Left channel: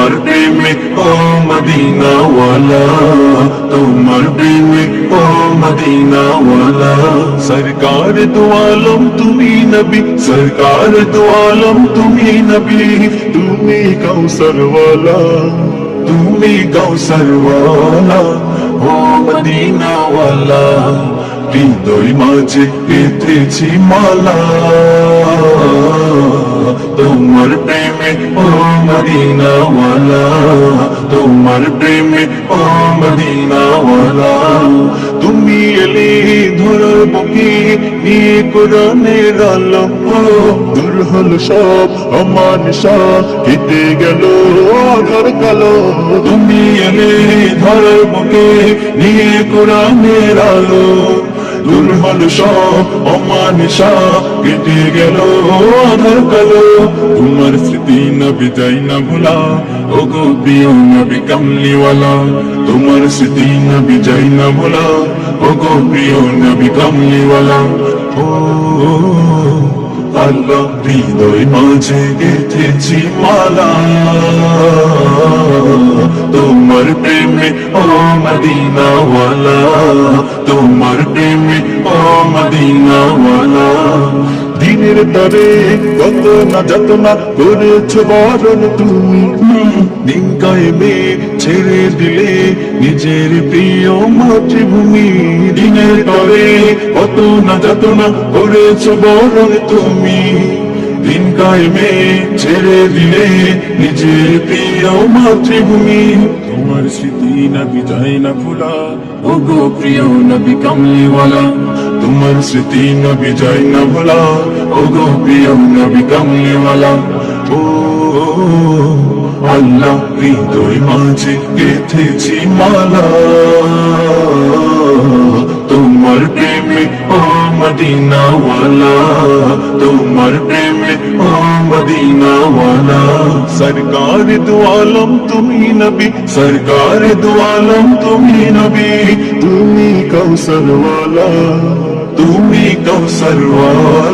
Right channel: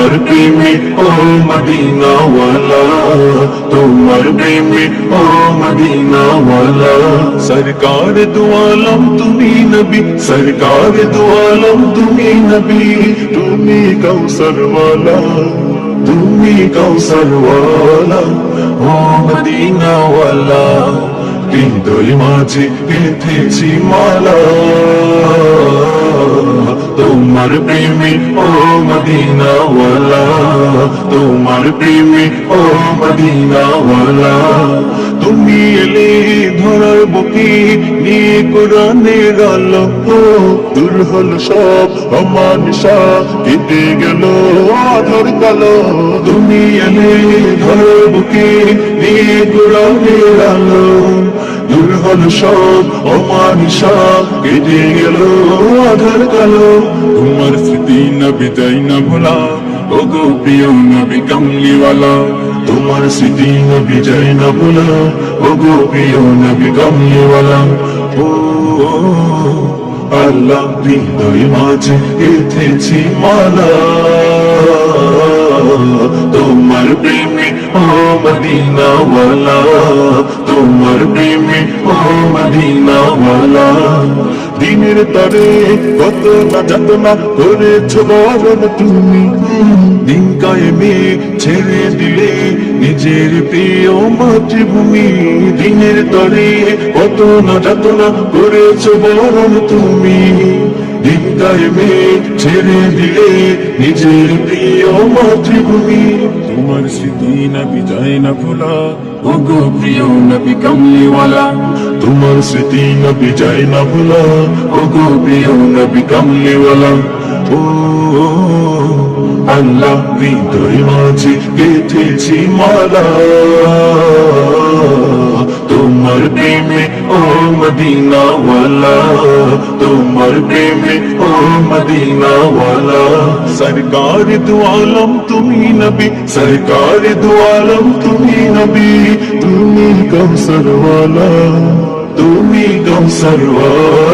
তোমার প্রেমে ও মদিনা ওয়ালা, তোমার প্রেমে ও মদিনা ওয়ালা। সরকার দু আলম তুমি নবী, সরকার দু আলম তুমি নবী, তুমি কৌসর ওয়ালা, তুমি কৌসর ওয়ালা ও মদিনা ওয়ালা। হৃদয় মাঝে গেঁথেছি মালা, তোমার প্রেমে ও মদিনা ওয়ালা, তোমার প্রেমে ও মদিনা ওয়ালা। তুমি এলে ধরার বুকে নিয়ে কোরআনের আলম, দূর হলো সব অমানিসা, কেটে গেল আধার কালো। তুমি এলে ধরার বুকে নিয়ে কোরআনের আলম, দূর হলো সব অমানিসা, কেটে গেল আধার কালো। তোমার স্মৃতি নবী যাই না ভোলা, ওগো প্রিয় নবী কামলিওয়ালা। তোমার স্মৃতি নবী যাই না ভোলা, ওগো প্রিয় নবী কামলিওয়ালা। ও আল্লাহ হৃদয় মাঝে গেঁথেছি মালা, তোমার প্রেমে ও মদিনা ওয়ালা, তোমার প্রেমে ও মদিনা ওয়ালা। দিনের তরে কত না যাতনা করেছ বরণ তুমি, দিন কায়েমে ছেড়ে দিলে নিজের প্রিয় মাতৃভূমি। দিনের তরে কত না যাতনা করেছ বরণ তুমি, দিন কায়েমে ছেড়ে দিলে নিজের প্রিয় মাতৃভূমি। তোমার স্মৃতি নবী যায় না ভোলা, ওগো প্রিয় নবী কামলিওয়ালা। তোমার স্মৃতি নবী যায় না ভোলা, ওগো প্রিয় নবী কামলিওয়ালা। ও আল্লাহ হৃদয় মাঝে গেঁথেছি মালা, তোমার প্রেমে ও মদিনা ওয়ালা, তোমার প্রেমে ও মদিনা ওয়ালা। সরকার দু আলম তুমি নবী, সরকার দু আলম তুমি নবী, তুমি কৌসর ওয়ালা, তুমি কৌসর ওয়ালা।